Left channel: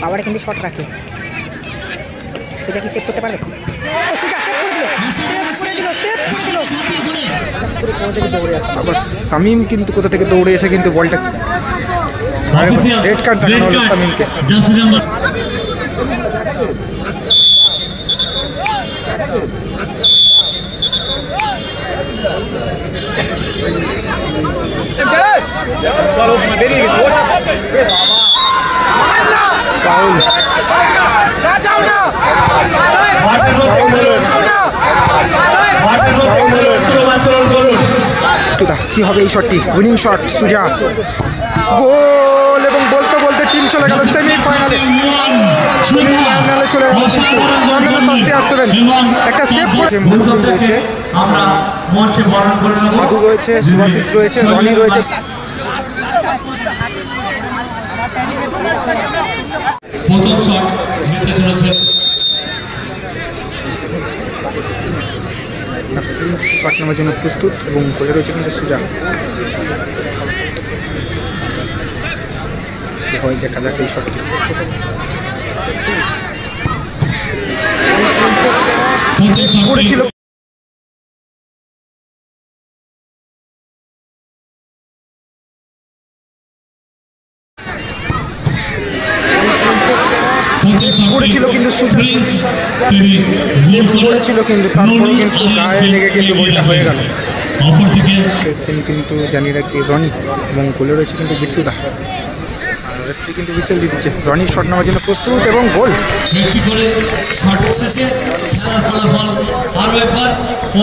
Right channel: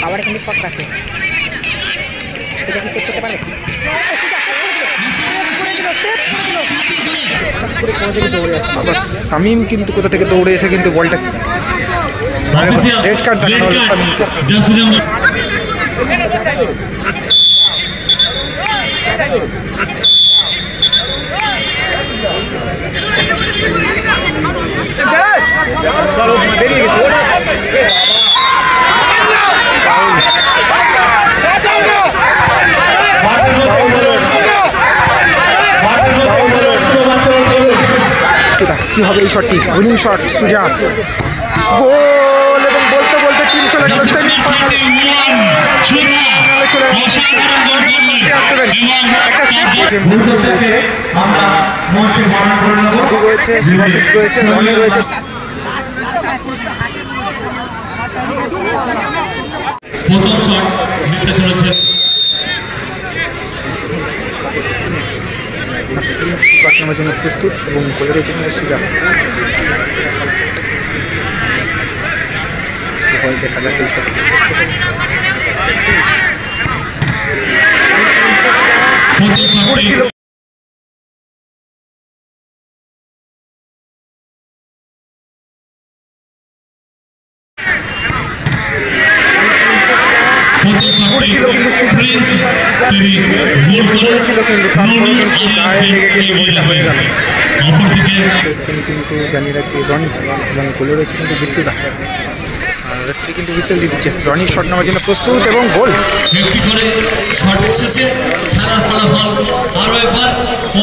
পাওয়ারে কিন্তু শট রাখে, সেটা কি সেভ করতে পারবে? আবার শামীম কিন্তু কোথা থেকে দৌড়ে এসে কিন্তু বলটা রেড কার্ড দেখানো হলো শামীমকে। কি হবে এই শটটি? উইনিং শট সুজা, গোল। এবং বলতে বলতে টিম চলে গেল সেমিফাইনালে, চলে গেল। একটা সেভ সাধু রয়েছে, সুভাশিস রয়েছে, রনি রয়েছে। প্রথম শট নিতে চলেছে, শট নেওয়ার জন্য প্রস্তুত এবং গোলে রয়েছে কিন্তু সুজা। দেখা যাক এই শটটি। ছিল কিন্তু করেছিল কিন্তু তারপরে কিন্তু গায়ে লেগে কিন্তু গোলটা হয়ে গেল। কিন্তু জানি রাখি রনি এবং গোলে রয়েছে কিন্তু বিট্টুদা। আর রেফারি কিন্তু হুইসেল দিয়ে দিচ্ছে। রনি শট নেওয়ার জন্য প্রস্তুত এবং গোল।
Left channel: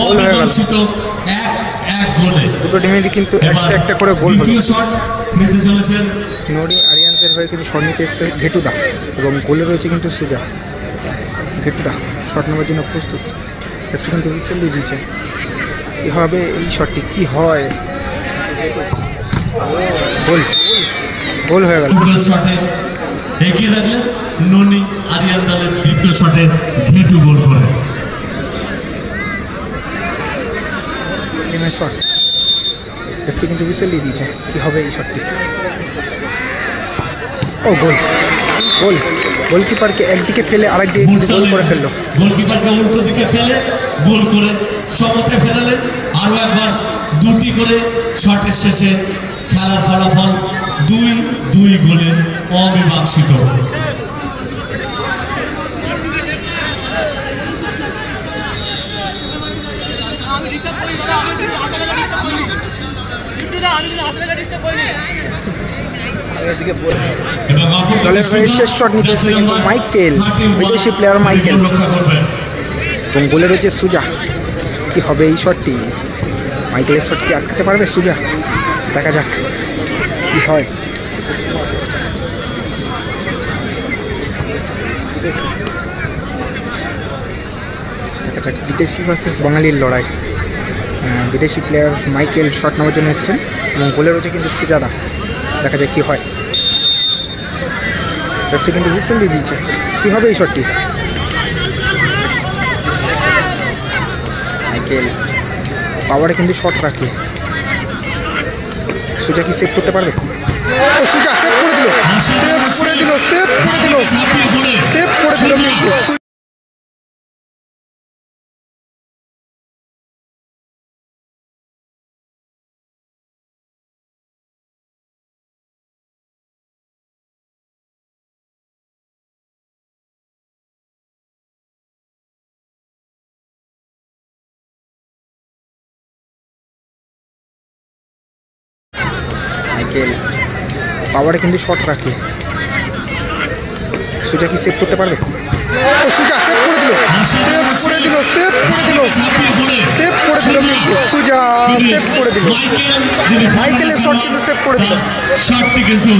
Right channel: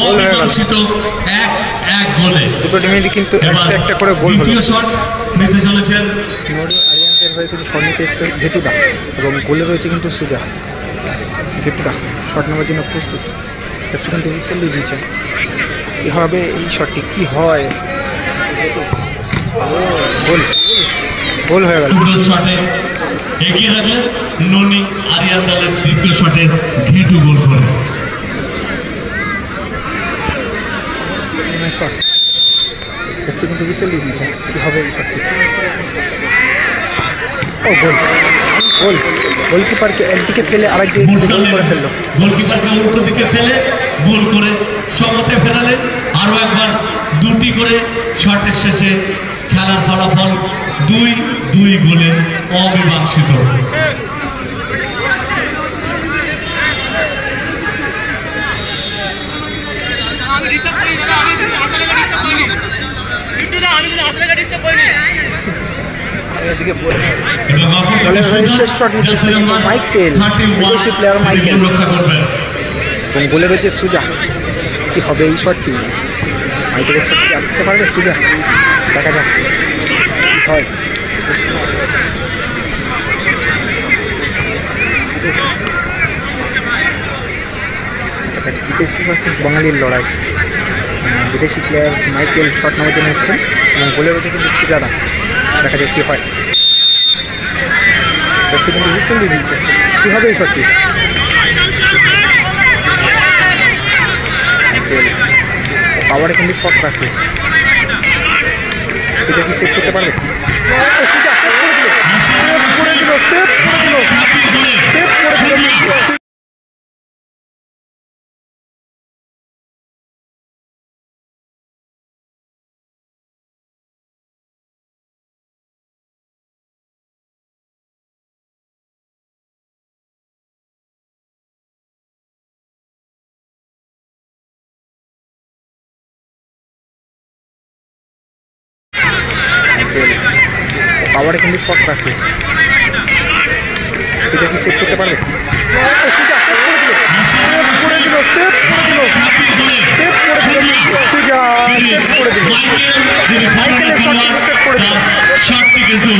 গোল হয়ে গেল। দুটো টিমেরই কিন্তু একটা করে গোল হলো। নড়ি আরিয়ান্সের হয়ে কিন্তু শট নিতে এসছে ঘেটুদা এবং গোলে রয়েছে কিন্তু সুজা। ঘেটুদা শট নেওয়ার জন্য প্রস্তুত, রেফারি কিন্তু হুইসেল দিয়ে দিয়েছে। কী হবে এই শটটি? কি হয়? গোল, গোল হয়ে গেল। এগিয়ে রাখলেন ননি আরিয়ান দলের দ্বিতীয় শটে ঘেটু গোল করে। শট রেফারি কিন্তু হুইসেল দিয়ে দিয়েছে। কী হবে এই শটটি? ও গোল, গোল। গোলকিপারকে একদিকে ফেলে আরেকদিকে কিন্তু গোল করে ফেললো। গোলকিপারকে উল্টো দিকে ফেলে গোল করে সমতে ফেরালেন। আরও একবার দুটি করে শটের শেষে খেলার ফলাফল 2-2 গোলে অমীমাংসিত। দলের হয়ে শেষ শট নিতেছে মাইকেল, বিদেশি প্লেয়ার মাইকেল এবং গোলে রয়েছে সুজা। কি হবে এই শটটি? মাইকেলের শট কি আটকাতে পারবে সুজা? দেখা যাক কি হয়। দেখা যাক বিদেশি ভার্সেস বাঙালির লড়াই। বিদেশি প্লেয়ার মাইকেল শট নেওয়ার জন্য এসছেন এবং গোলে রয়েছে কিন্তু সুজাদা। দেখা যাক কি হয়। রেফারি কিন্তু হুইসেল দিয়ে দিয়েছে। কী হবে এই শটটি? মাইকেল পাওয়ারে কিন্তু শট রাখে, সেটা কি সেভ করতে পারবে? সুজা সেভ করে দিল, সেভ করে দিল, সেভ করে দিল, সেভ করে দিল। পাওয়ারে কিন্তু শট রাখে, সেটা কি সেভ করতে পারবে? সুজা সেভ করে দিল, সেভ করে দিল, সেভ করে দিল, সেভ করে দিল। সুজা সেভ করে দিল। মাইকেলের শট কিন্তু সেভ করে দিল। শটটি কিন্তু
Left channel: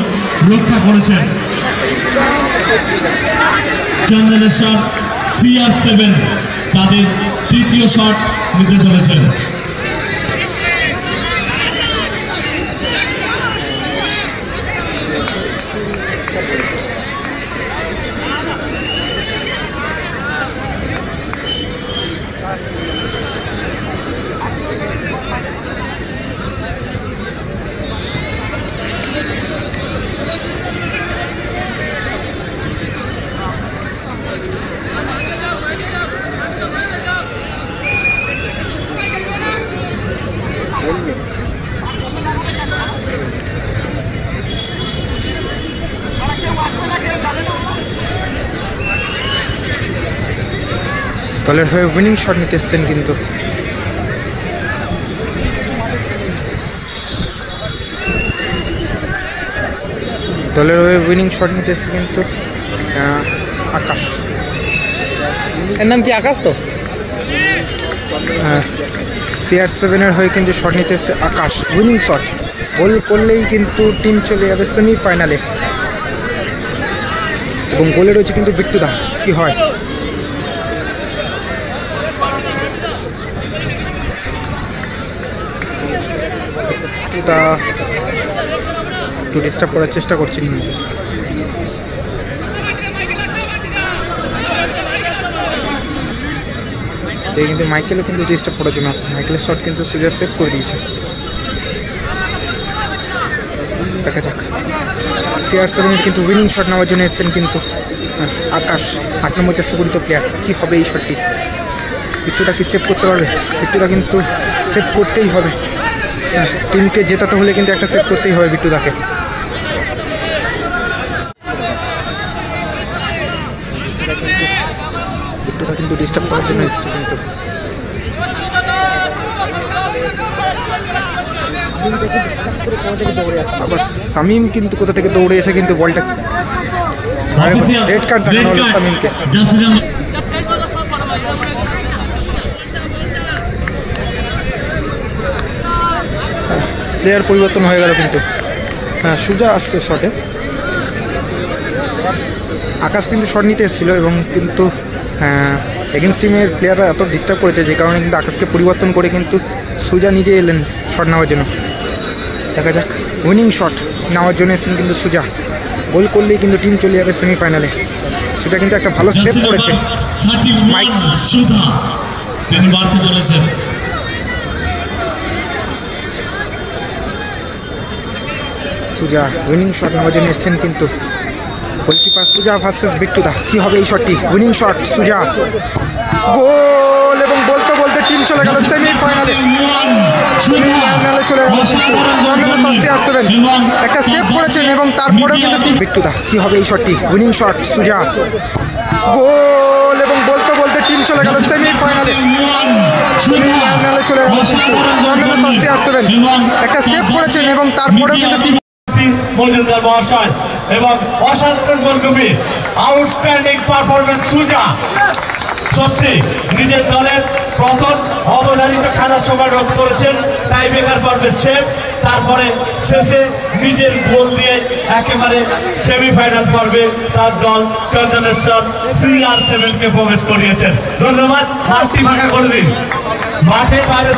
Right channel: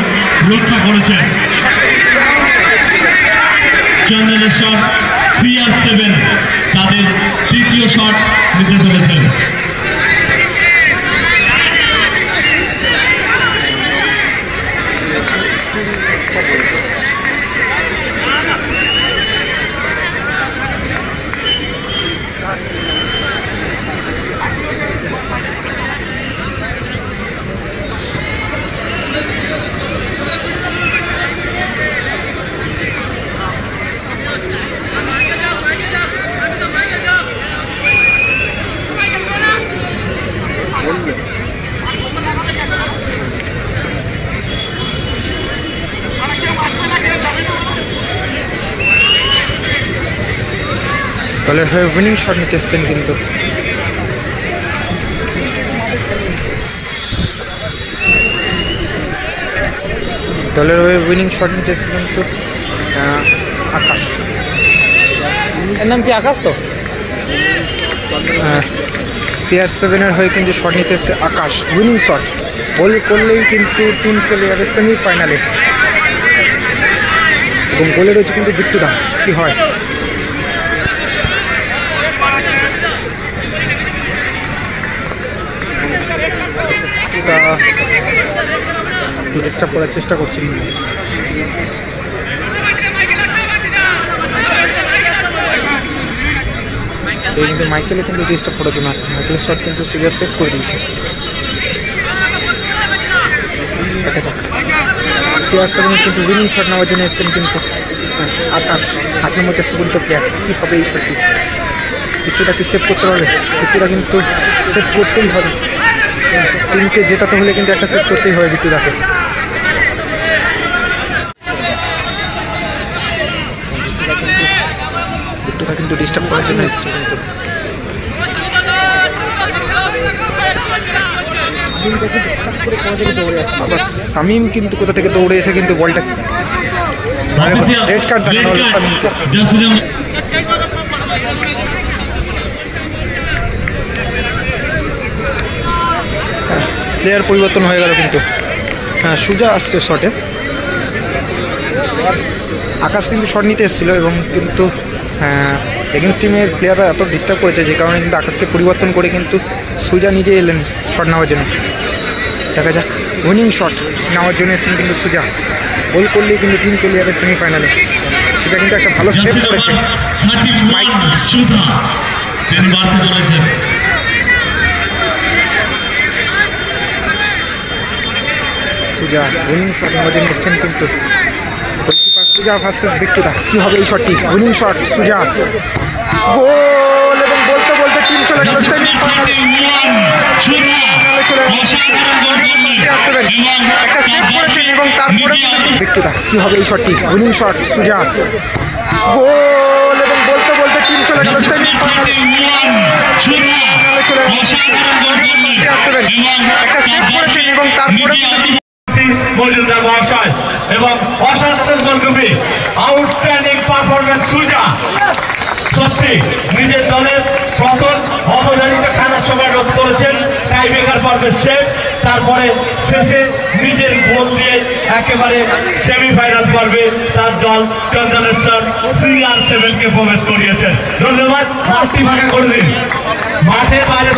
রক্ষা করেছেন জেনারেশন CR7, তাদের তৃতীয় শট নিতে চলেছেন। দলের হয়ে উইনিং শট নিতে এসছেন কিন্তু দলের হয়ে উইনিং শট নিতে এসছে কিন্তু আকাশ। এর নাম কি আকাশ? তো CR7-এর হয়ে কিন্তু শট নিতে এসছে আকাশ। উইনিং শট গোল করলেই কিন্তু টিম চলে যাবে সেমিফাইনালে এবং গোলে রয়েছে কিন্তু বিট্টুদা। কি হয়? বিট্টুদা ডিস্টার্ব করার চেষ্টা করছেন। কিন্তু মাইকেলে কিন্তু ডিস্টার্ব করার জন্য আসছে। মাইকেলের শট কিন্তু সুজা সেভ করে দিয়েছে। দেখা যাক। CR7 কিন্তু উইনিং শট নেওয়ার জন্য এসছেন কিন্তু আকাশ। 8 নম্বর জার্সি পরিহিত প্লেয়ার। কী হবে এই শটটি? বিট্টুদা কি সেভ করতে পারবে? বিট্টুদা কিন্তু সেভ করতেই হবে। টিমকে জেতাতে হলে কিন্তু একটা সেভ করতেই হবে বিট্টুদাকে। বিট্টুদা কিন্তু ডিস্টার্ব করার জন্য এসছে কিন্তু আবার শামীম কিন্তু কোথা থেকে দৌড়ে এসে কিন্তু বলটা রেড কার্ড দেখানো হলো শামীমকে। প্লেয়ার পরিবর্তন হয়ে গেল কিন্তু। হ্যাঁ, সুজা আসছে শটে। আকাশ কিন্তু শট নিতে এসেছিল এবং কিন্তু এগেন্স্ট টিমের প্লেয়াররা এত ডিস্টার্ব করেছে যে কারণে কিন্তু আকাশকে পরিবর্তন করে কিন্তু সুজা নিজে এলেন শট নেওয়ার জন্য। দেখা যাক। উইনিং শট নেওয়ার জন্য এসেছেন কিন্তু সুজা। গোল করলেই কিন্তু টিম চলে যাবে সেমিফাইনালে। সুজা কিন্তু একটা ভালো সেভ করেছে। সুজা উইনিং শট নেওয়ার জন্য এসেছেন কিন্তু গোলকিপার সুজা ভার্সেস বিট্টুদা। কি হবে এই শটটি? উইনিং শট সুজা, গোল এবং বলতে বলতে টিম চলে গেল সেমিফাইনালে। চলে গেল CR7 একটা সেভ করেছেন এবং তারপরে বিট্টুদা। কি হবে এই শটটি? উইনিং শট সুজা, গোল এবং বলতে বলতে টিম চলে গেল সেমিফাইনালে। চলে গেল CR7 একটা সেভ করেছেন এবং তারপরে মজুমদার মহাশয় এবং অসাধারণ গোলকিপিং, আউটস্ট্যান্ডিং পারফরমেন্স সুজা। সত্যি নিজের দলের প্রথম অবধারিত খেলার সময় রোধ করেছেন টাই ব্রেকার পর্বে সেভ, তারপরে শেষে নিজের গোল দিয়ে একেবারে সেমিফাইনাল পর্বে তার দল চন্দনেশ্বর CR7 কে প্রবেশ করিয়েছেন। ধন্যবাদ। মাঠটি ফাঁকা করে দিন। মাঠের বাইরে